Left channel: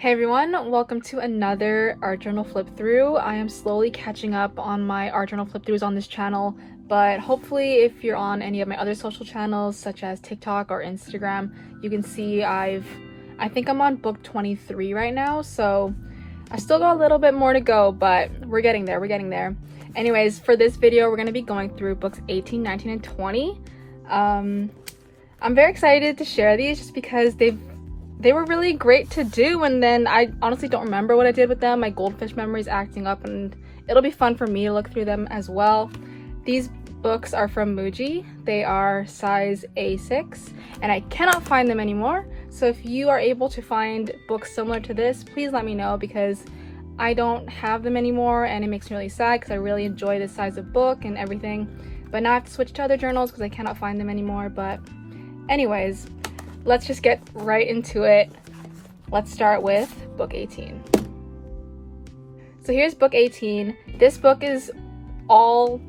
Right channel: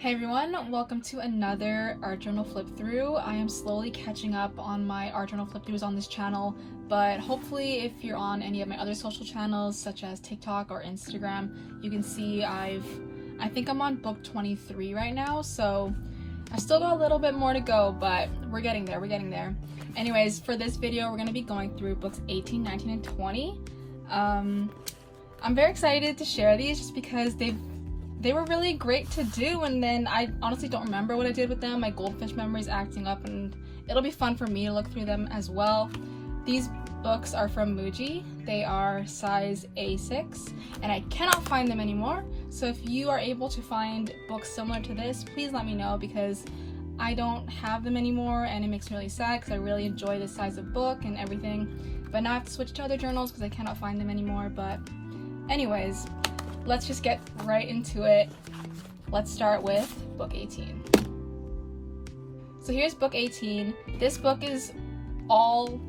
Hey everyone, welcome to another art journal flip through. I am slowly catching up on my art journal flip throughs on this channel, but hopefully if you're on any of my other social channels such as TikTok or Instagram, you can see I think I'm on book 23 right now, so I've still got a little bit more to go, but we're getting there. Anyways, for this video, we're going to be going through books 18, 19, and 20. I'm very excited to share these just because they were really great to do, and then I honestly don't remember what I did with them. My goldfish memory is acting up, and it'll be fun for me to look through them as well. These books are from Muji. They are size A6, and I cannot find them anymore. So if you are able to find books similar to this, please let me know, because I don't have them anymore, and it makes me really sad because I really enjoy this size of book and everything. But now I have to switch to other journals because I cannot find them anymore. But anyways, let's just get right into it. Let's start with book 18. So here's book 18. This book is all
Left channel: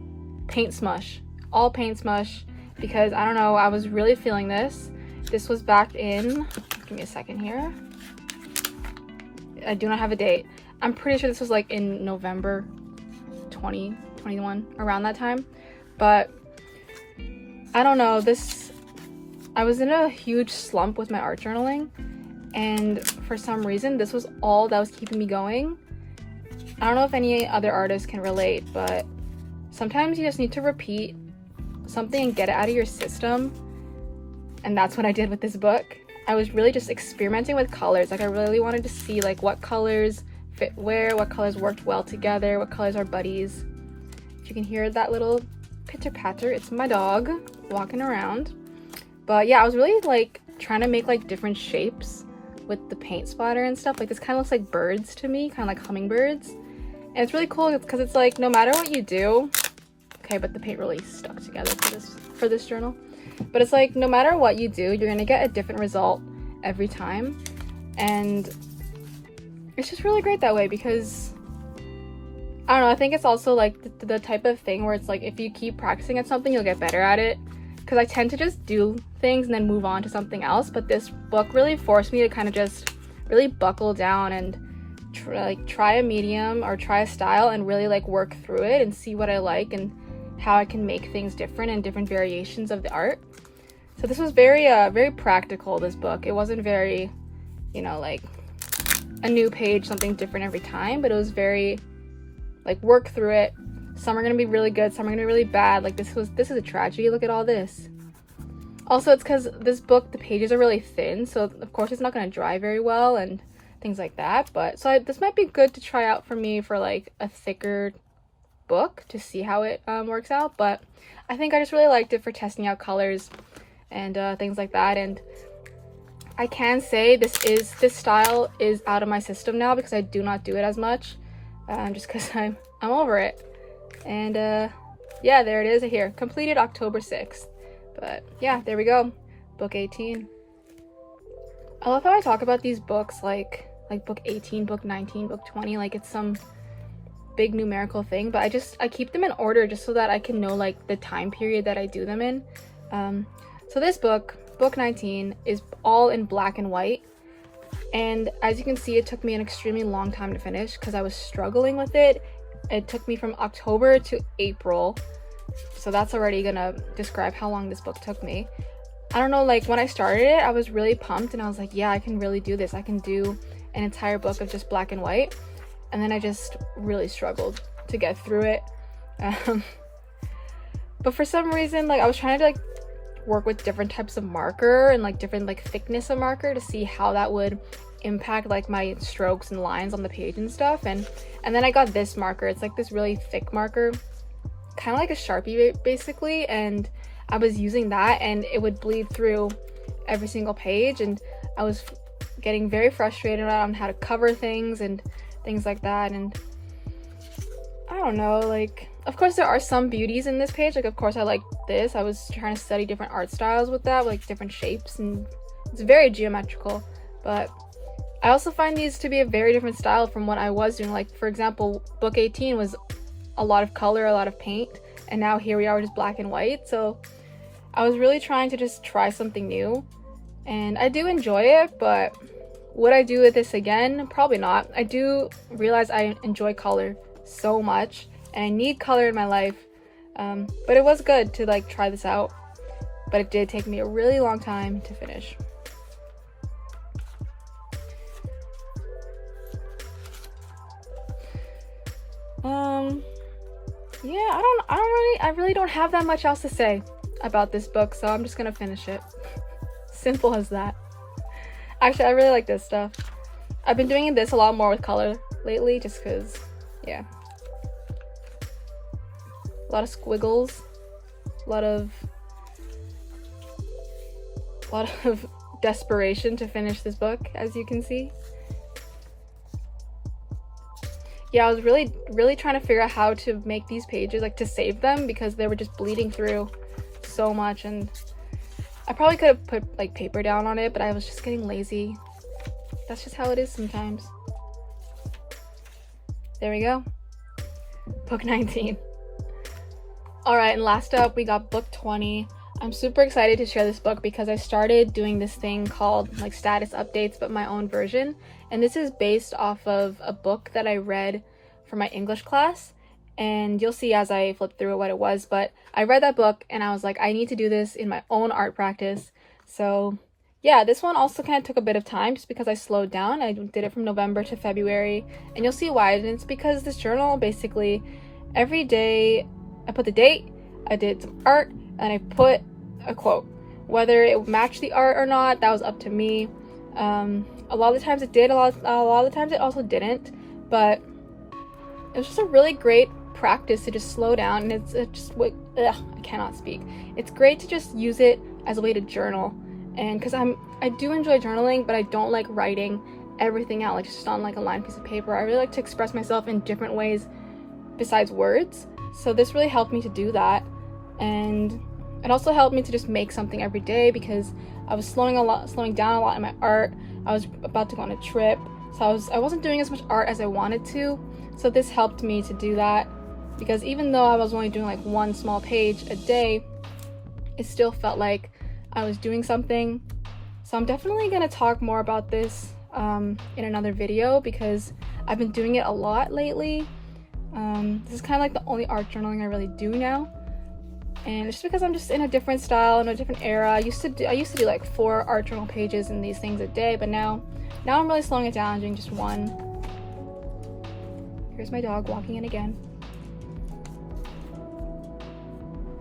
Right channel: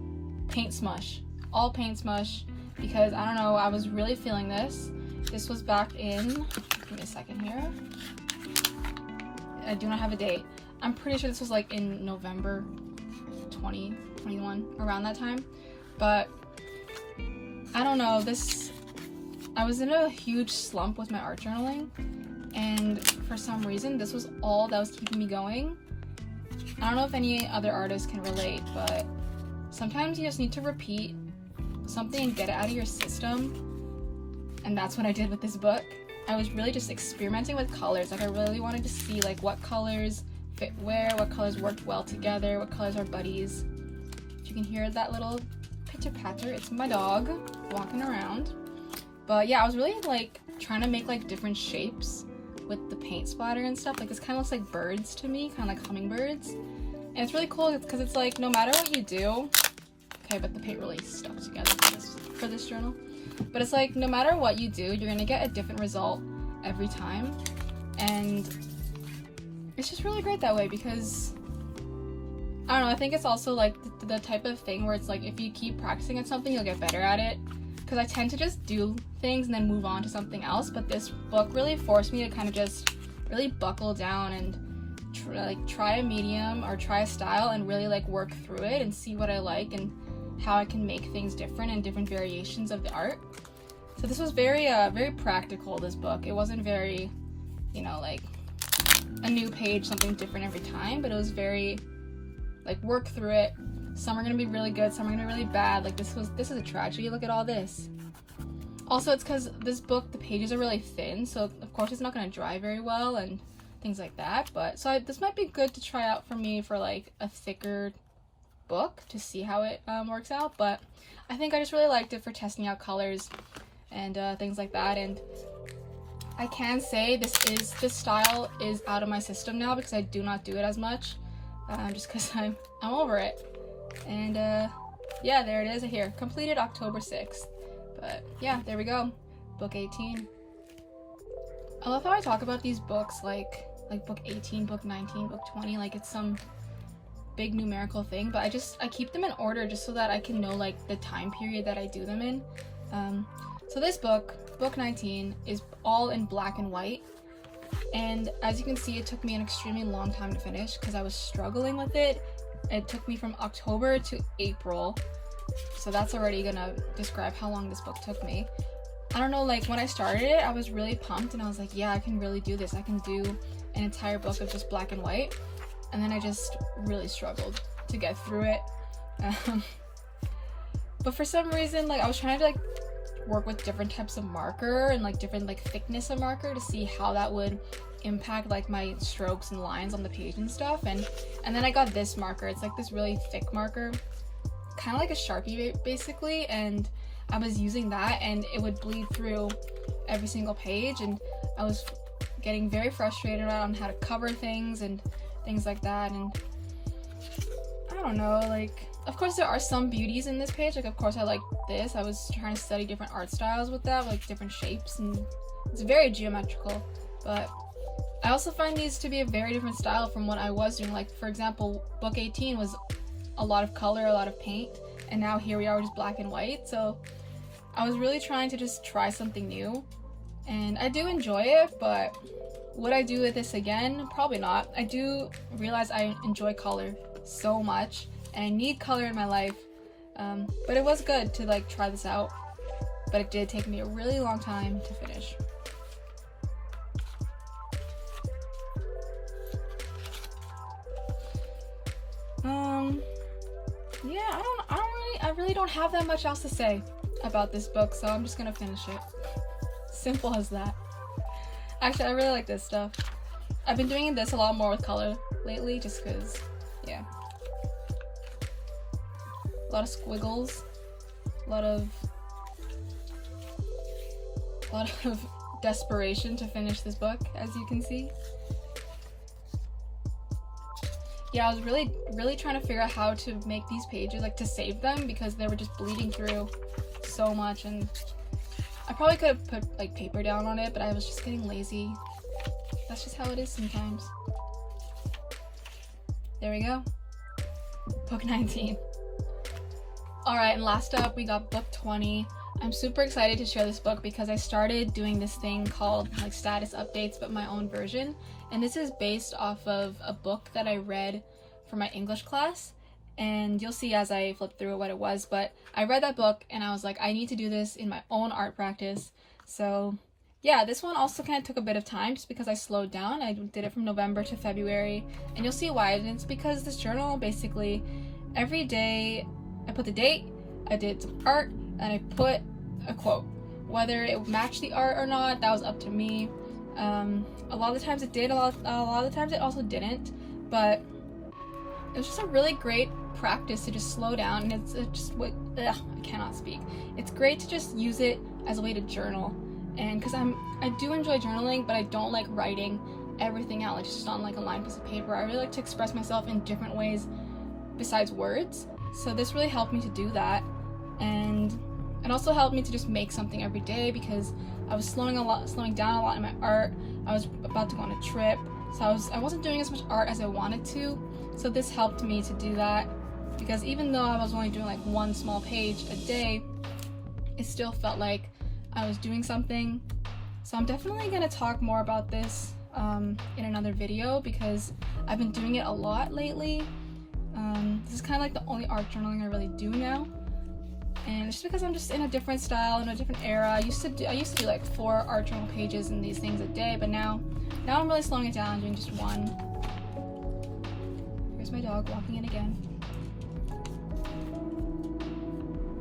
paint smush. All paint smush because I don't know, I was really feeling this. This was back in, give me a second here. I do not have a date. I'm pretty sure this was like in November 2021, around that time. But I don't know, I was in a huge slump with my art journaling, and for some reason this was all that was keeping me going. I don't know if any other artists can relate, but sometimes you just need to repeat something and get it out of your system, and that's what I did with this book. I was really just experimenting with colors. Like, I really wanted to see like what colors fit where, what colors worked well together, what colors are buddies. If you can hear that little pitter patter, it's my dog walking around. But yeah, I was really like trying to make like different shapes with the paint splatter and stuff. Like, this kind of looks like birds to me, kind of like hummingbirds. And it's really cool because it's like no matter what you do, okay, but the paint really stuck together for this journal. But it's like no matter what you do, you're gonna get a different result every time. And it's just really great that way because I don't know, I think it's also like the type of thing where it's like if you keep practicing at something, you'll get better at it. Because I tend to just do things and then move on to something else, but this book really forced me to kind of just really buckle down and try a medium or try a style and really like work through it and see what I like and how I can make things different and different variations of the art. So this was very practical, this book. It wasn't very, you know, like a new page, something different every time, but it was very like work through it. Some are gonna be really good, some are gonna be really bad. Like this is a tragedy. Look at all this. Also, it's because this book, the pages are really thin, so of course it's not gonna dry very well and things like that. But so this might be good to try out for me for like a thicker book to see how it works out. But I think I just really liked it for testing out colors and things like that. And I can say this style is out of my system now because I do not do it as much, just because I'm over it. And yeah, there it is here, completed October 6th. But yeah, there we go, book 18. I love how I talk about these books like book 18, book 19, book 20, like it's some big numerical thing, but I keep them in order just so that I can know like the time period that I do them in. So this book 19, is all in black and white, and as you can see, it took me an extremely long time to finish because I was struggling with it. It took me from October to April, so that's already gonna describe how long this book took me. I don't know, like when I started it, I was really pumped and I was like, yeah, I can really do this. I can do an entire book of just black and white. And then I just really struggled to get through it. But for some reason, like I was trying to like work with different types of marker and like different like thickness of marker to see how that would impact like my strokes and lines on the page and stuff. And then I got this marker. It's like this really thick marker, kind of like a Sharpie basically, and I was using that and it would bleed through every single page, and I was getting very frustrated on how to cover things and things like that. And I don't know, like of course there are some beauties in this page. Like of course I like this. I was trying to study different art styles with that, like different shapes, and it's very geometrical. But I also find these to be a very different style from what I was doing. Like for example, book 18 was a lot of color, a lot of paint, and now here we are just black and white. So I was really trying to just try something new, and I do enjoy it, but Would I do this again? Probably not. I do realize I enjoy color so much and I need color in my life, but it was good to like try this out, but it did take me a really long time to finish. Yeah, I really don't have that much else to say about this book, so I'm just gonna finish it. Simple as that. Actually, I really like this stuff. I've been doing this a lot more with color lately, just because, yeah. A lot of squiggles, a lot of desperation to finish this book, as you can see. Yeah, I was really trying to figure out how to make these pages, like to save them, because they were just bleeding through so much, and I probably could have put like paper down on it, but I was just getting lazy. That's just how it is sometimes. There we go. Book 19. Alright, and last up we got book 20. I'm super excited to share this book because I started doing this thing called like status updates, but my own version. And this is based off of a book that I read for my English class. And you'll see as I flip through it what it was, but I read that book and I was like, I need to do this in my own art practice. So yeah, this one also kind of took a bit of time just because I slowed down. I did it from November to February, and you'll see why. And it's because this journal, basically every day I put the date, I did some art, and I put a quote. Whether it matched the art or not, that was up to me. A lot of the times it did, a lot of the times it also didn't, but it was just a really great practice to just slow down, and it's just what I cannot speak. It's great to just use it as a way to journal, and because I do enjoy journaling, but I don't like writing everything out like just on like a lined piece of paper. I really like to express myself in different ways besides words, so this really helped me to do that. And it also helped me to just make something every day because I was slowing down a lot in my art. I was about to go on a trip, so I wasn't doing as much art as I wanted to. So this helped me to do that, because even though I was only doing like one small page a day, it still felt like I was doing something. So I'm definitely gonna talk more about this in another video because I've been doing it a lot lately. This is kind of like the only art journaling I really do now. And it's just because I'm just in a different style, in a different era. I used to do like 4 art journal pages and these things a day, but now I'm really slowing it down, doing just one. Here's my dog walking in again.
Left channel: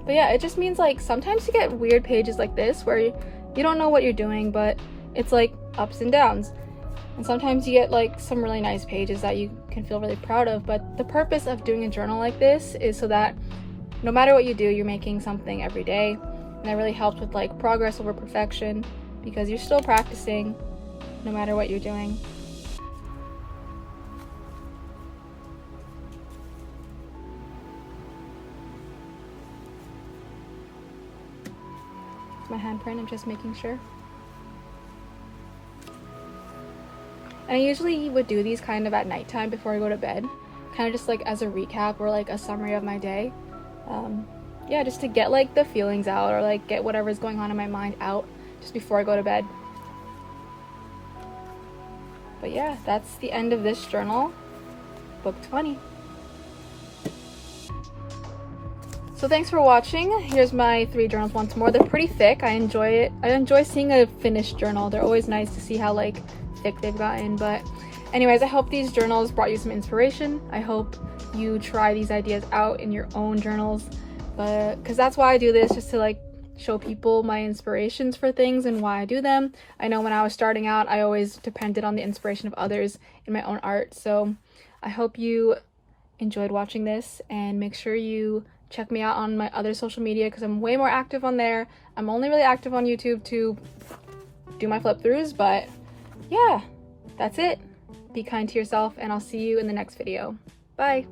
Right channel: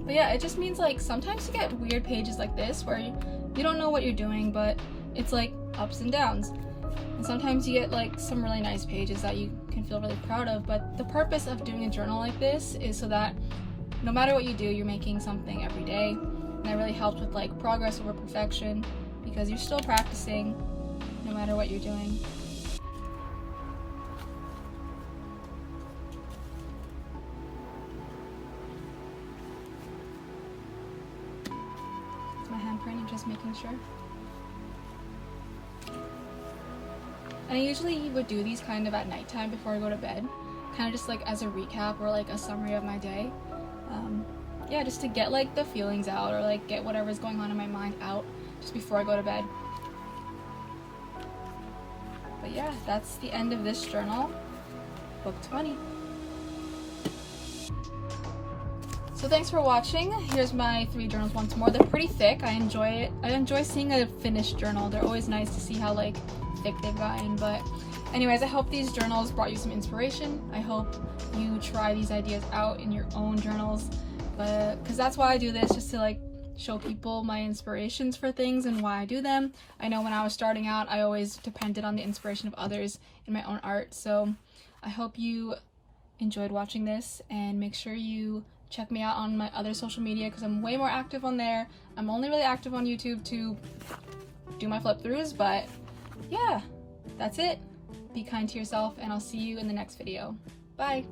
But yeah, it just means like sometimes you get weird pages like this where you don't know what you're doing, but it's like ups and downs. And sometimes you get like some really nice pages that you can feel really proud of, but the purpose of doing a journal like this is so that no matter what you do, you're making something every day. And that really helps with like progress over perfection, because you're still practicing no matter what you're doing. It's my handprint, I'm just making sure. And I usually would do these kind of at nighttime before I go to bed, kind of just like as a recap or like a summary of my day. Yeah, just to get like the feelings out, or like get whatever's going on in my mind out just before I go to bed. But yeah, that's the end of this journal, book 20. So thanks for watching. Here's my 3 journals once more. They're pretty thick. I enjoy it. I enjoy seeing a finished journal. They're always nice to see how like thick they've gotten. But anyways, I hope these journals brought you some inspiration. I hope you try these ideas out in your own journals, because that's why I do this, just to like show people my inspirations for things and why I do them. I know when I was starting out, I always depended on the inspiration of others in my own art. So I hope you enjoyed watching this, and make sure you check me out on my other social media because I'm way more active on there. I'm only really active on YouTube to do my flip throughs, but yeah, that's it. Be kind to yourself, and I'll see you in the next video. Bye.